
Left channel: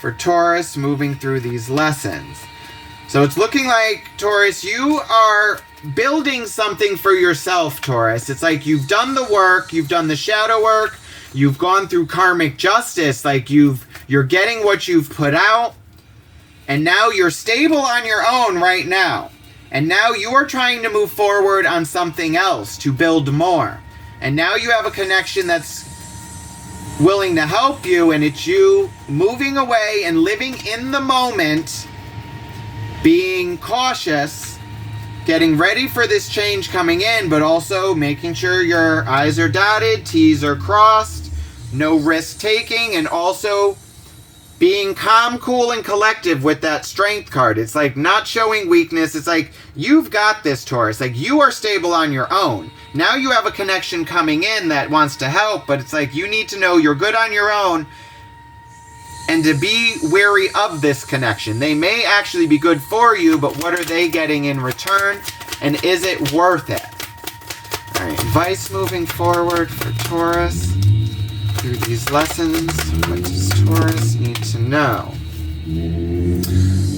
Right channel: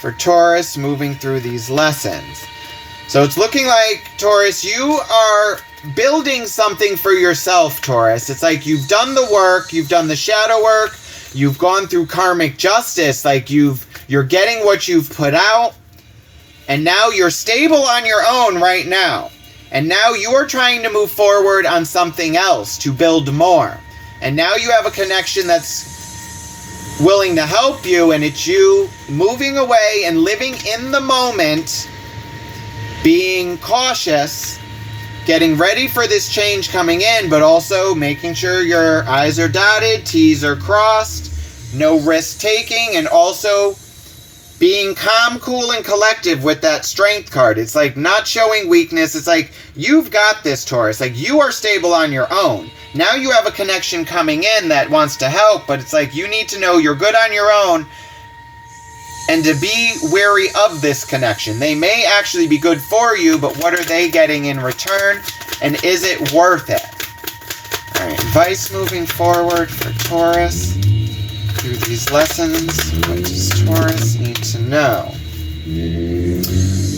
for Taurus moving through these lessons. So it's looking like, Taurus, you are building something for yourself, Taurus. It's like you've done the work, you've done the shadow work, you've gone through karmic justice, like you're getting what you've put out, and now you're stable on your own right now. And now you are trying to move forward on something else to build more. And now you have a connection that's willing to help you, and it's you moving away and living in the moment, being cautious, getting ready for this change coming in, but also making sure your I's are dotted, T's are crossed, no risk taking, and also being calm, cool, and collective with that Strength card. It's like not showing weakness. It's like, you've got this, Taurus. Like, you are stable on your own. Now you have a connection coming in that wants to help, but it's like you need to know you're good on your own and to be wary of this connection. They may actually be good for you, but what are they getting in return? And is it worth it? All right, advice moving forward for Taurus through these lessons. What does Taurus need to know?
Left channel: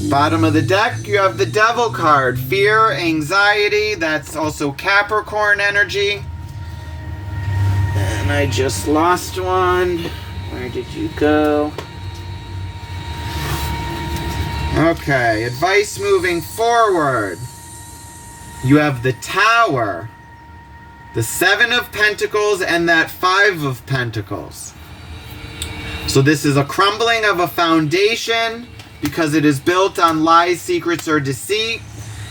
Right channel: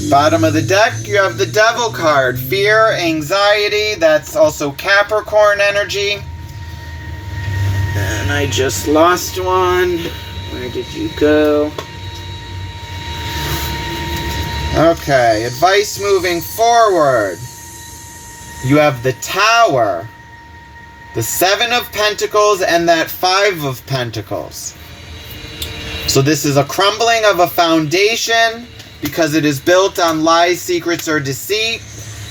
Bottom of the deck, you have the Devil card. Fear, anxiety, that's also Capricorn energy. And I just lost one. Where did you go? Okay, advice moving forward. You have the Tower, the Seven of Pentacles, and that Five of Pentacles. So this is a crumbling of a foundation because it is built on lies, secrets, or deceit.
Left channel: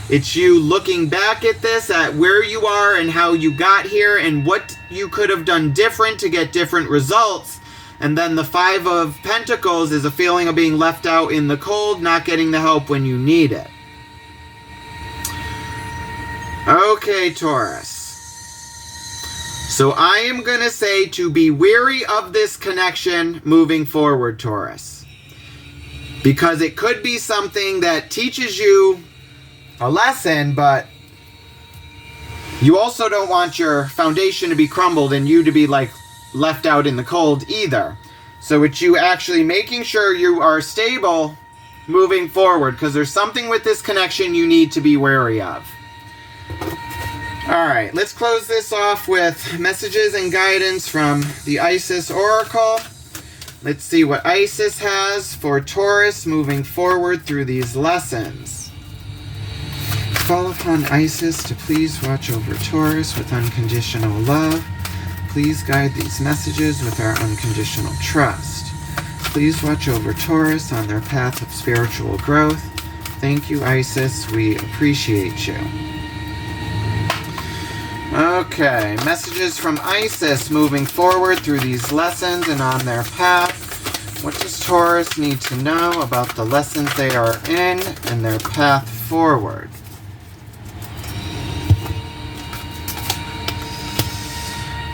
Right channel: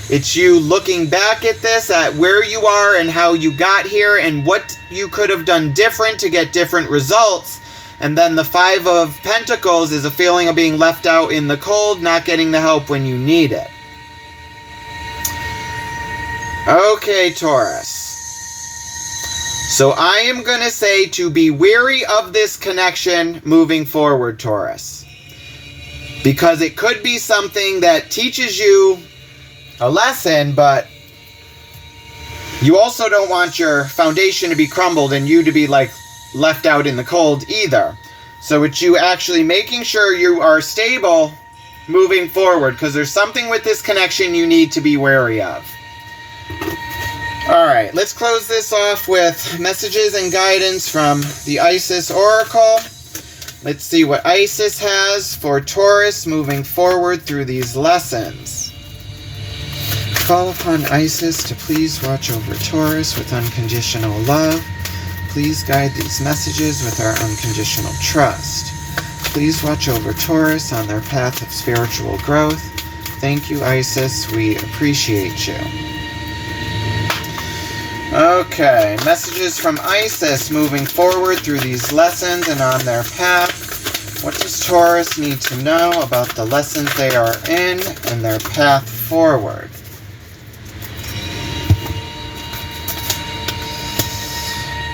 It's you looking back at this, at where you are and how you got here and what you could have done different to get different results. And then the Five of Pentacles is a feeling of being left out in the cold, not getting the help when you need it. Okay, Taurus. So I am going to say to be wary of this connection moving forward, Taurus. Because it could be something that teaches you a lesson, but you also don't want your foundation to be crumbled and you to be like left out in the cold either. So it's you actually making sure you are stable moving forward, because there's something with this connection you need to be wary of. All right, let's close this off with messages and guidance from the Isis Oracle. Let's see what Isis has for Taurus moving forward through these lessons. Call upon Isis to please watch over Taurus with unconditional love. Please guide these messages with our unconditional trust. Please watch over Taurus on their path of spiritual growth. Thank you, Isis. We appreciate you. Okay, messages from Isis moving forward through these lessons and on their path. What does Taurus need to know about the lessons they are in and their path forward?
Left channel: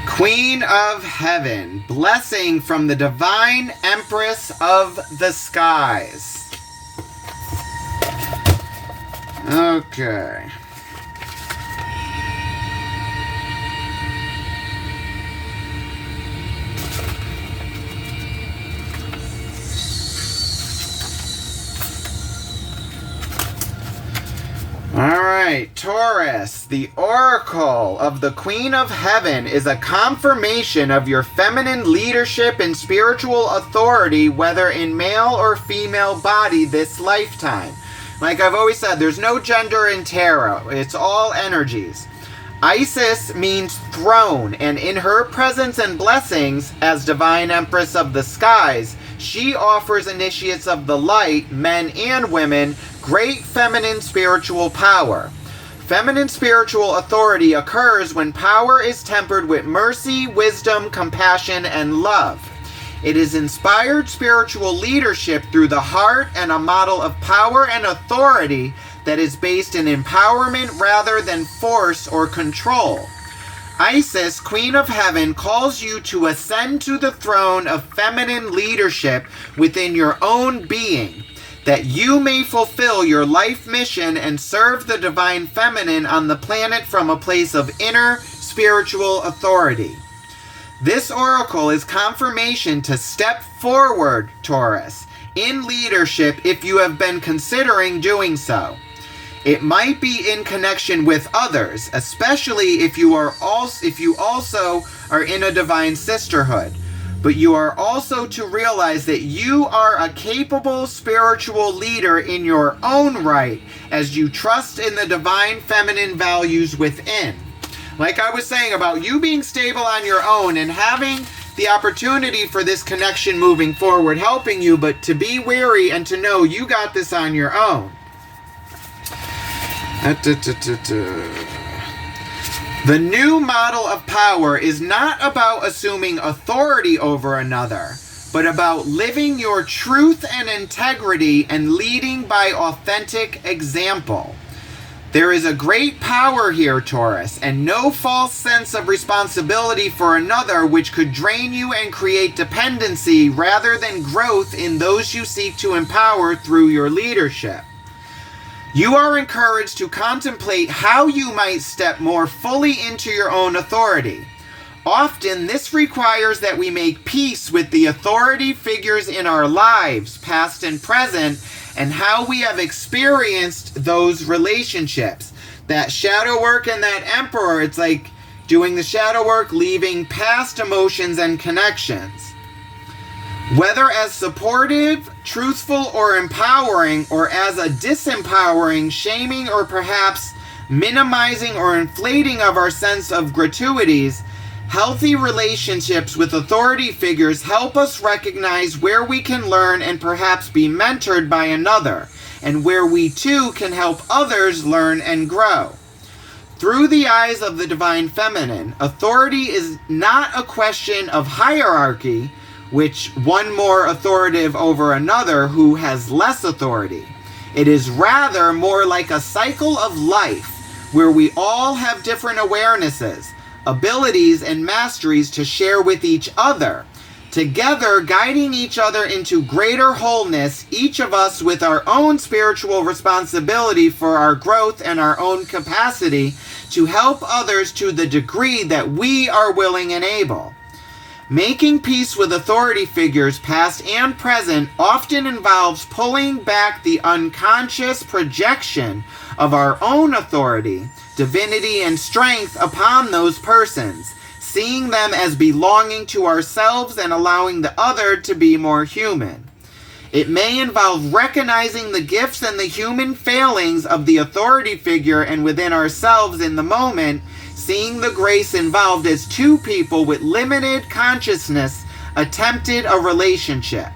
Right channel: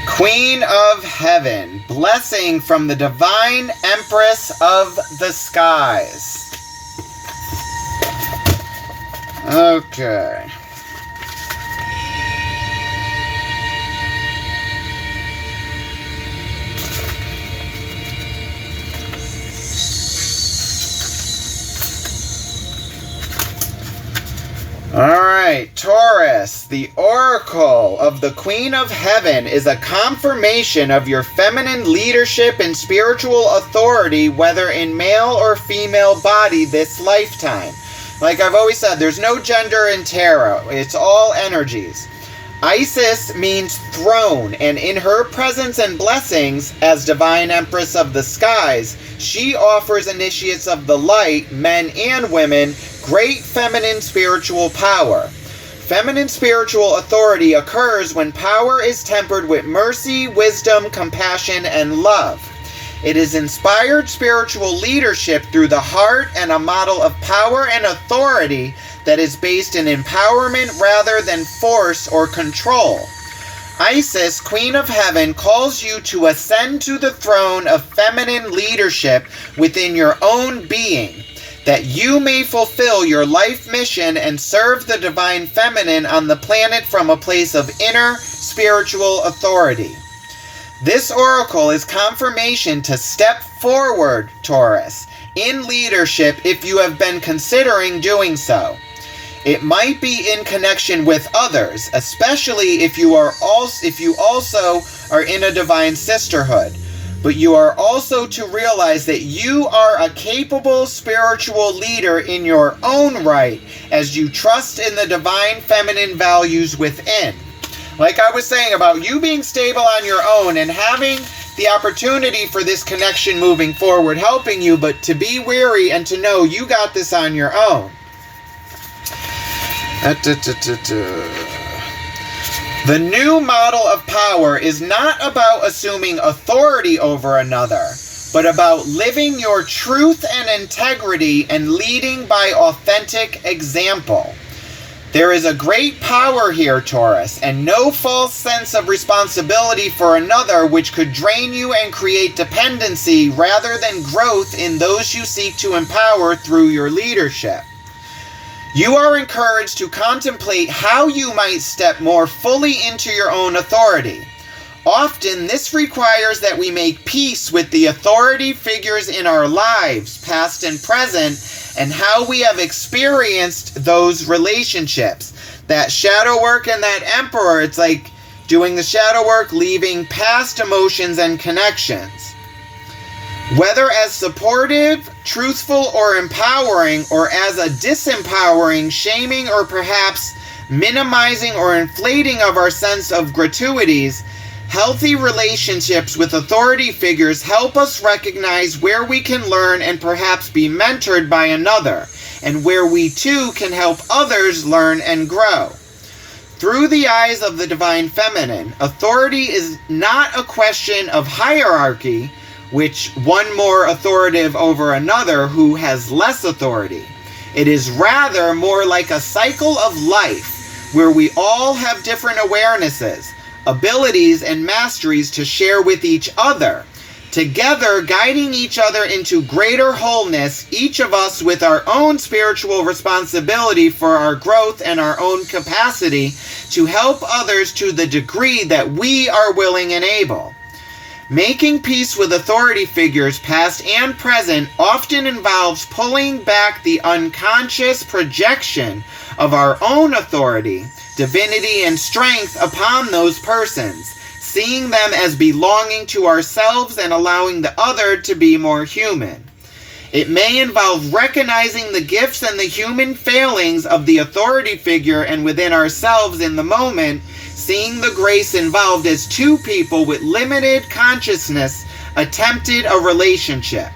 Queen of Heaven, blessing from the Divine Empress of the Skies. Okay. Alright, Taurus, the Oracle of the Queen of Heaven is a confirmation of your feminine leadership and spiritual authority, whether in male or female body this lifetime. Like I've always said, there's no gender in tarot. It's all energies. Isis means throne, and in her presence and blessings, as divine empress of the skies, she offers initiates of the light, men and women, great feminine spiritual power. Feminine spiritual authority occurs when power is tempered with mercy, wisdom, compassion, and love. It is inspired spiritual leadership through the heart and a model of power and authority that is based in empowerment rather than force or control. Isis, Queen of Heaven, calls you to ascend to the throne of feminine leadership within your own being, that you may fulfill your life mission and serve the divine feminine on the planet from a place of inner spiritual authority. This oracle is confirmation to step forward, Taurus, in leadership if you have been considering doing so. It might be in connection with others, especially if you also are in a divine sisterhood. But you are also to realize that you are a capable spiritual leader in your own right as you trust in the divine feminine values within. Like I was saying about you being stable on your own and having the opportunity for this connection moving forward, helping you, but to be wary and to know you got this on your own. The new model of power is not about assuming authority over another, but about living your truth and integrity and leading by authentic example. There is a great power here, Taurus, and no false sense of responsibility for another which could drain you and create dependency rather than growth in those you seek to empower through your leadership. You are encouraged to contemplate how you might step more fully into your own authority. Often, this requires that we make peace with the authority figures in our lives, past and present, and how we have experienced those relationships. That shadow work and that emperor, it's like doing the shadow work, leaving past emotions and connections. Whether as supportive, truthful, or empowering, or as a disempowering, shaming, or perhaps minimizing or inflating of our sense of gratuities, healthy relationships with authority figures help us recognize where we can learn and perhaps be mentored by another, and where we too can help others learn and grow. Through the eyes of the divine feminine, authority is not a question of hierarchy, which one more authoritative over another who has less authority. It is rather more like a cycle of life where we all have different awarenesses, abilities, and masteries to share with each other, together guiding each other into greater wholeness, each of us with our own spiritual responsibility for our growth and our own capacity to help others to the degree that we are willing and able. Making peace with authority figures, past and present, often involves pulling back the unconscious projection of our own authority, divinity, and strength upon those persons, seeing them as belonging to ourselves and allowing the other to be more human. It may involve recognizing the gifts and the human failings of the authority figure and within ourselves in the moment, seeing the grace involved as two people with limited consciousness attempted a relationship.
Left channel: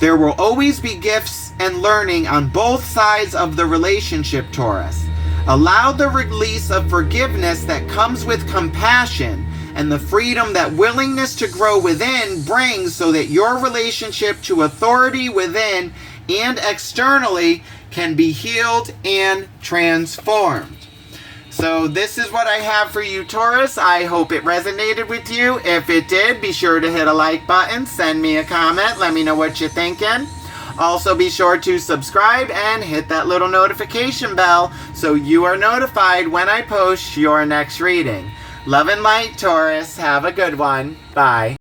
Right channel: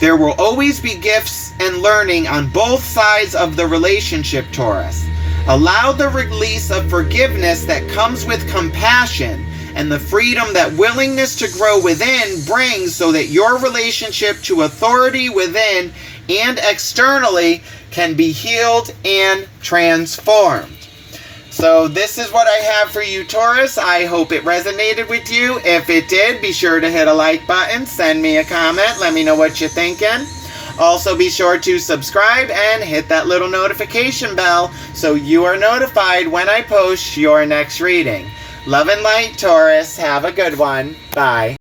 There will always be gifts and learning on both sides of the relationship, Taurus. Allow the release of forgiveness that comes with compassion and the freedom that willingness to grow within brings, so that your relationship to authority within and externally can be healed and transformed. So this is what I have for you, Taurus. I hope it resonated with you. If it did, be sure to hit a like button, send me a comment, let me know what you're thinking. Also, be sure to subscribe and hit that little notification bell so you are notified when I post your next reading. Love and light, Taurus. Have a good one. Bye.